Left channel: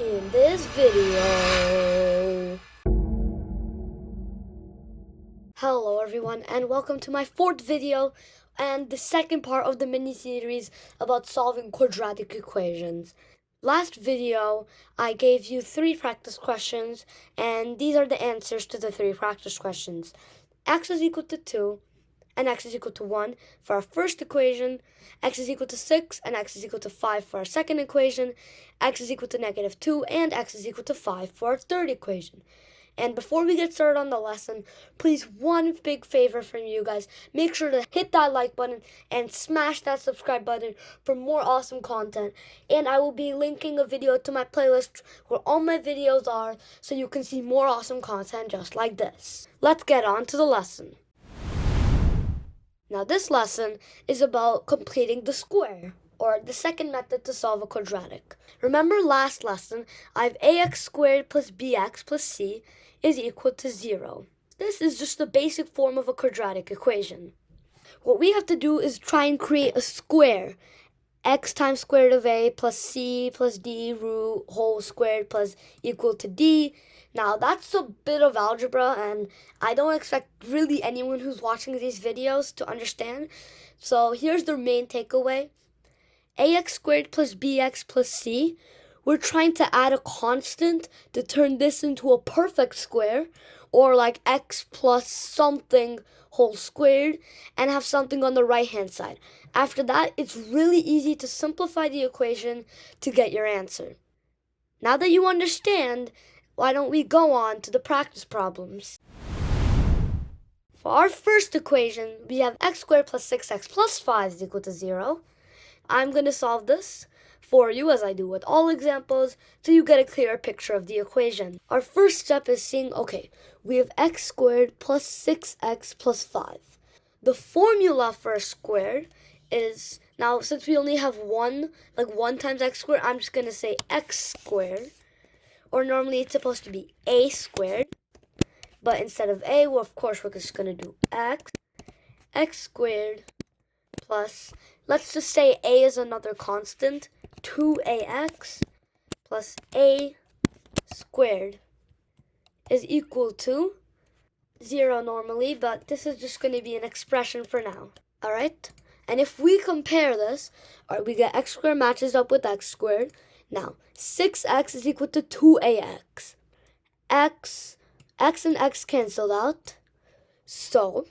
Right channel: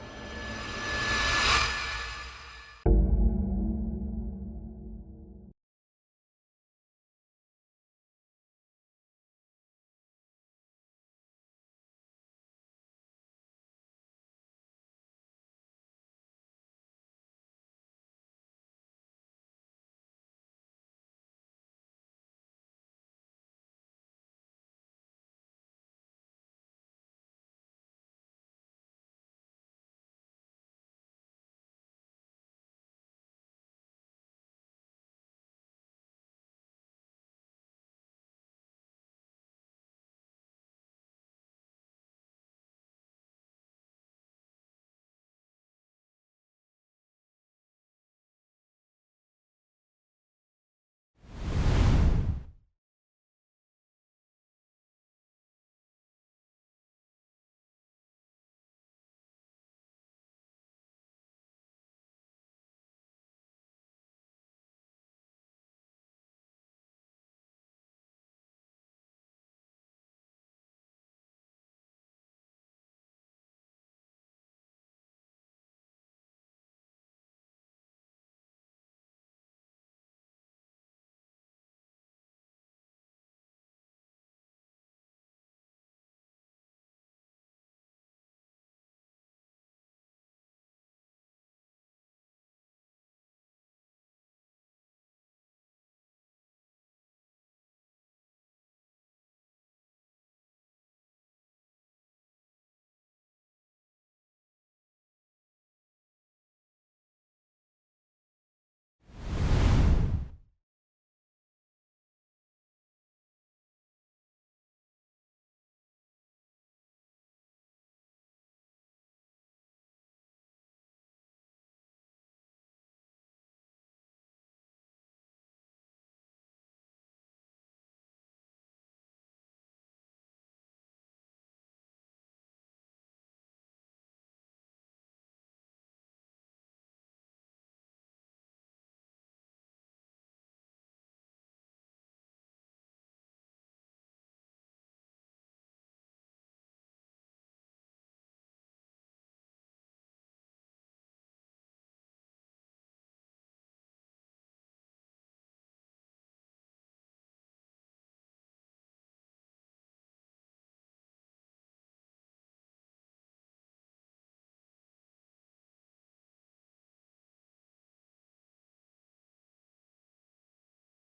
in this video. Hello everyone and welcome to my fourth video and the second part of the mini-series about solving quadratic equations. Last video I gave you 3 practice questions and these are the answers to the 3 practice questions. X is equal to 2 and x is equal to 1 for our first equation, x is equal to 6 and x is equal to 5 for our second equation, x is equal to negative 2 and x is equal to 5 for our third equation. And before we get started on the lesson, please, one big favor from you guys, make sure to hit that like button and smash that subscribe button for more awesome content. And I will be linking a video to my playlist where all my videos are so you can see more awesome content just like this. Let's get on to the lesson. Now this lesson is about completing the square, or the second method to solve a quadratic. Remember last lesson, I have ax squared plus bx plus c is equal to 0. This is just the basic form of a quadratic equation. What we have to do is try and create a square. X times square root of a plus c plus d root whole squared plus equal to d. Now that's a bit of algebra and I don't expect really anyone who's watching these videos to understand. So here's the main takeaway. Ax squared plus bx plus c. We're trying to add a constant to turn this into a perfect square, or like x plus something whole squared, and have something on the right hand side. After that, it's really easy to simplify the equation to get your answer. Now that you understand, why don't we go on to the practice problems? For our first equation, we have x squared plus 6x plus 5 is equal to 0. I'm going to solve this for you as I do with all examples so you get a clearer picture of the equation. Our first step is seeing, okay, we have x squared plus 6x plus 5. The formula for a squared is, now since we only have one times x squared, I'm just going to say x squared. Or normally it's supposed to be a squared. But instead of a, well, of course, we're just going to do x squared plus, let's just say a is another constant, 2ax plus a squared is equal to 0 normally, but this is just going to be an expression for now. All right? And if we compare this, all right, we get x squared matches up with x squared. Now, 6x is equal to 2ax. X and x canceled out. So,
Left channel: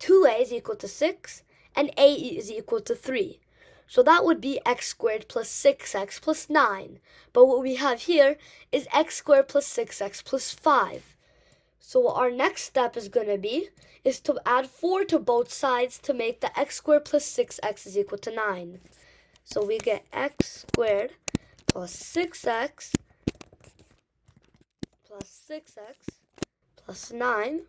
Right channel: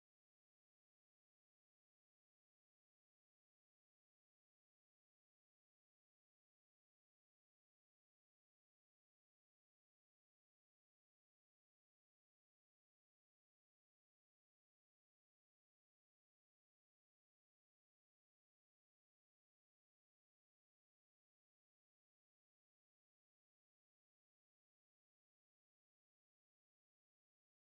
2a is equal to 6, and a is equal to 3. So that would be x squared plus 6x plus 9. But what we have here is x squared plus 6x plus 5. So what our next step is going to be is to add 4 to both sides to make the x squared plus 6x is equal to 9. So we get x squared plus 6x plus 6x plus 9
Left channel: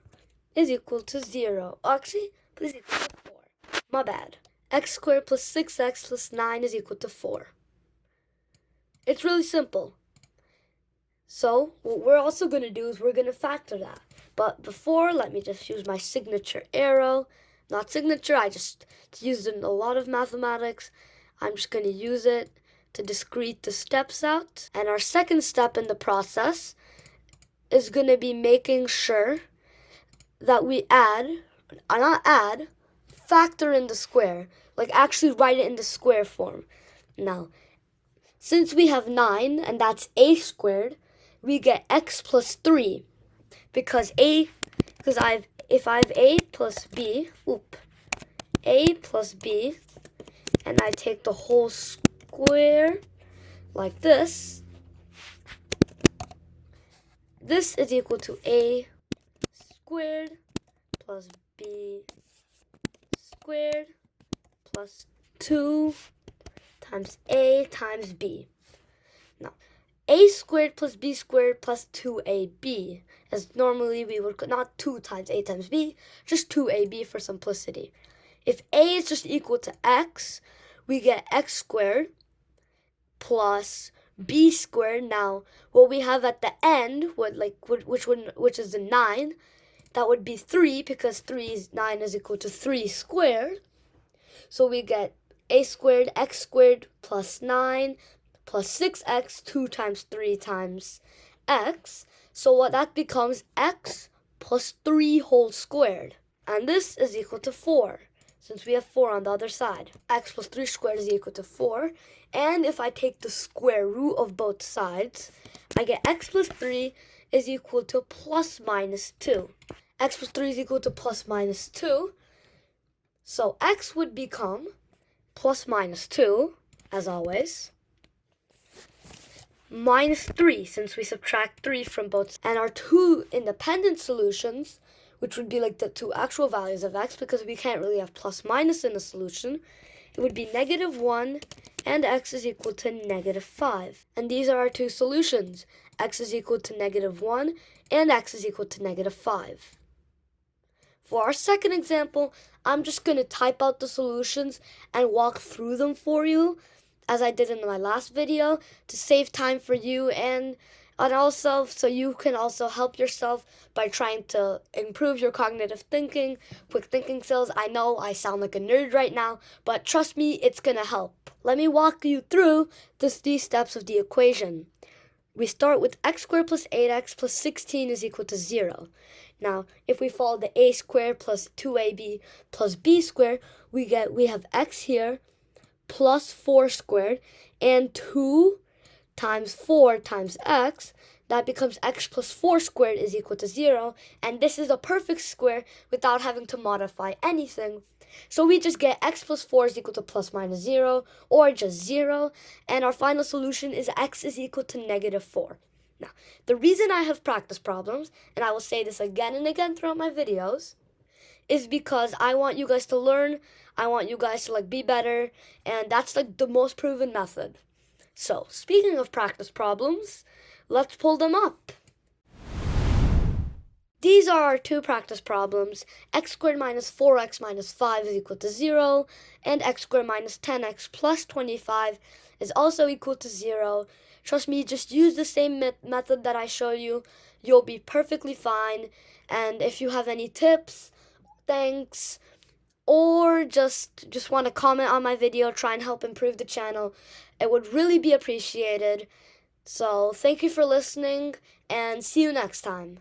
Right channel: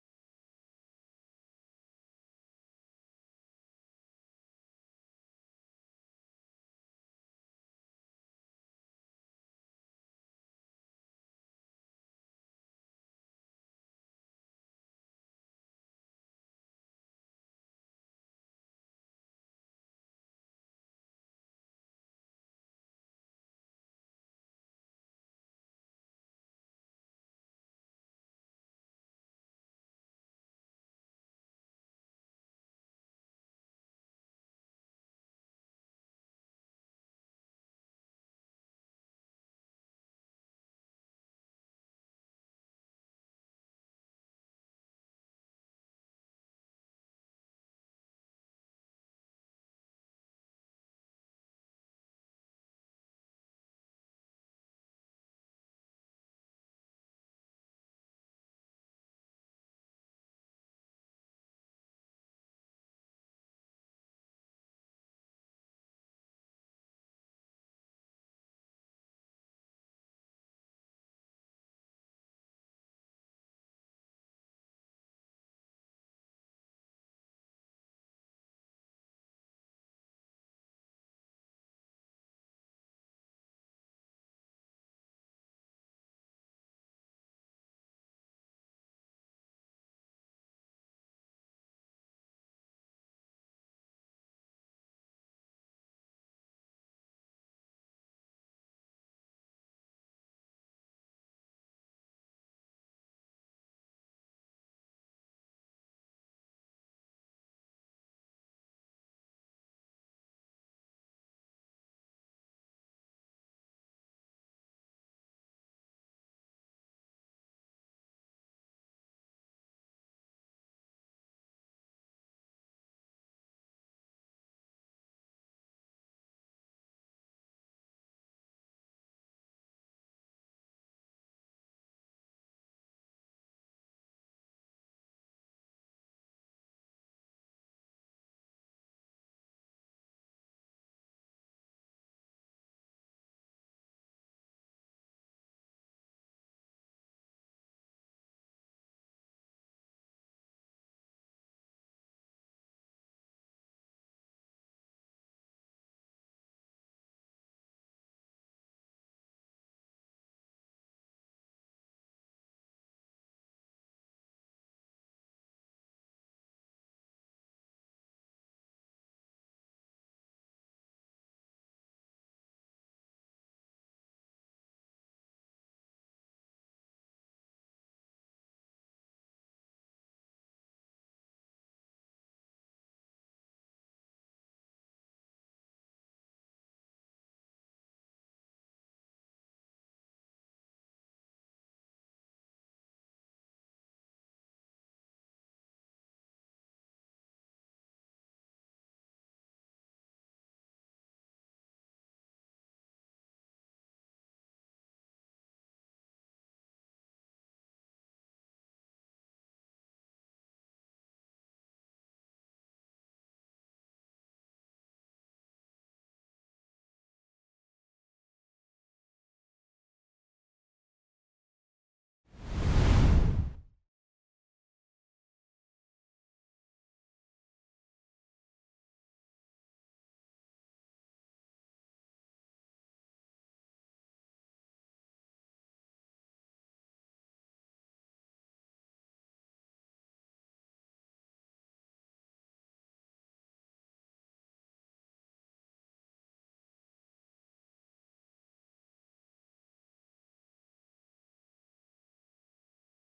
is equal to 0. Actually, please equal to 4. My bad. X squared plus 6x plus 9 is equal to 4. It's really simple. So what we're also going to do is we're going to factor that. But before, let me just use my signature arrow. Not signature, I just used it in a lot of mathematics. I'm just going to use it to discrete the steps out. And our second step in the process is going to be making sure that we factor in the square. Like actually write it in the square form. Now, since we have 9, and that's a squared, we get x plus 3. If I have a plus b, and I take the whole square like this, this is equal to a squared plus b squared plus 2 times a times b. Now, a squared plus b squared plus 2ab, as normally we would, not 2 times a times b, just 2ab for simplicity. If a is just equal to x, we get x squared plus b squared. Now, what we have at the end, which is the 9, that would be 3, because 9 is equal to 3 squared. So we get a squared, x squared plus 9 plus 6x 2 times 3 times x. So what that becomes x plus 3 whole squared. And this is equal to 4, since we have 4 on the other side. X plus 3 squared is equal to 4. And if I take the square root of both sides, I get x plus 3 is equal to plus minus 2. X plus 3 is equal to plus minus 2. So x would become plus minus 2, as always, minus 3, since we subtract 3 from both. And our two independent solutions, which would be like the two actual values of x, because we can't really have plus minus in a solution, it would be negative 1 and x is equal to negative 5. And these are our two solutions. X is equal to negative 1 and x is equal to negative 5. For our second example, I'm just going to type out the solutions and walk through them for you, as I did in my last video, to save time for you and also so you can also help yourself by trying to improve your cognitive thinking, quick thinking skills. I know I sound like a nerd right now, but trust me, it's going to help. Let me walk you through these steps of the equation. We start with x squared plus 8x plus 16 is equal to 0. Now, if we follow the a squared plus 2ab plus b squared, we have x here plus 4 squared, and 2 times 4 times x, that becomes x plus 4 squared is equal to 0, and this is a perfect square without having to modify anything. So we just get x plus 4 is equal to plus minus 0, or just 0, and our final solution is x is equal to negative 4. Now, the reason I have practice problems, and I will say this again and again throughout my videos, is because I want you guys to learn, I want you guys to be better, and that's the most proven method. So, speaking of practice problems, let's pull them up. These are our two practice problems. X squared minus 4x minus 5 is equal to 0, and x squared minus 10x plus 25 is also equal to 0. Trust me, just use the same method that I show you. You'll be perfectly fine. And if you have any tips, thanks, or just want to comment on my video, try and help improve the channel, it would really be appreciated. So thank you for listening, and see you next time.